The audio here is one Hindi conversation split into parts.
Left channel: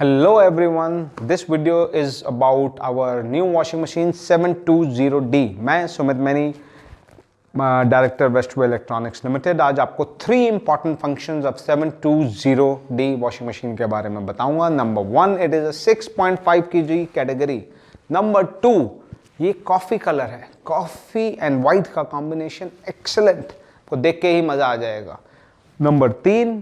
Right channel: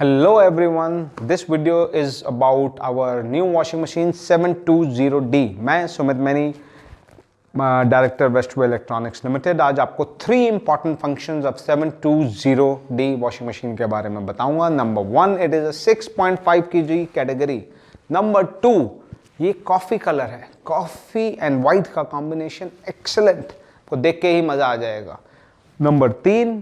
Hello everyone, this video is about our new washing machine 720D। मैं Sumit many, director western electronics limited, आज आपको 3 important functions of 720D washing machine के बारे में बताऊंगा। Number 1, it is a 6.5 kg category. Number 2, ये कॉफ़ी कलर है, कॉफ़ी एंड वाइट का कॉम्बिनेशन एक्सेलेंट, को देख के ही मज़ा आ जाएगा। नंबर 3,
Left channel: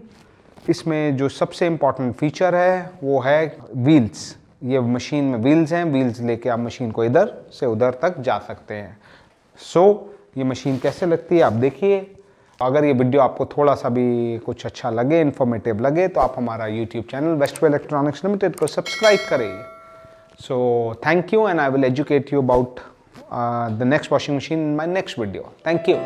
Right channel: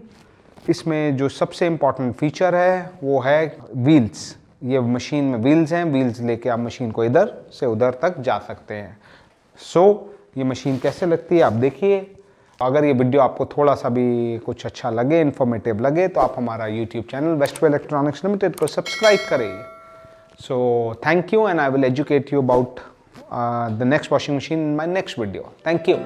इसमें जो सबसे इम्पॉर्टेंट फीचर है वो है व्हील्स। ये मशीन में व्हील्स हैं, व्हील्स लेके आप मशीन को इधर से उधर तक जा सकते हैं। ये मशीन कैसे लगती है आप देखिए। अगर ये वीडियो आपको थोड़ा सा भी कुछ अच्छा लगे, इन्फॉर्मेटिव लगे, तो आप हमारा YouTube channel western electronics limited को सब्सक्राइब करिए। Thank you and I will educate you about the next washing machine in my next video. Thank you.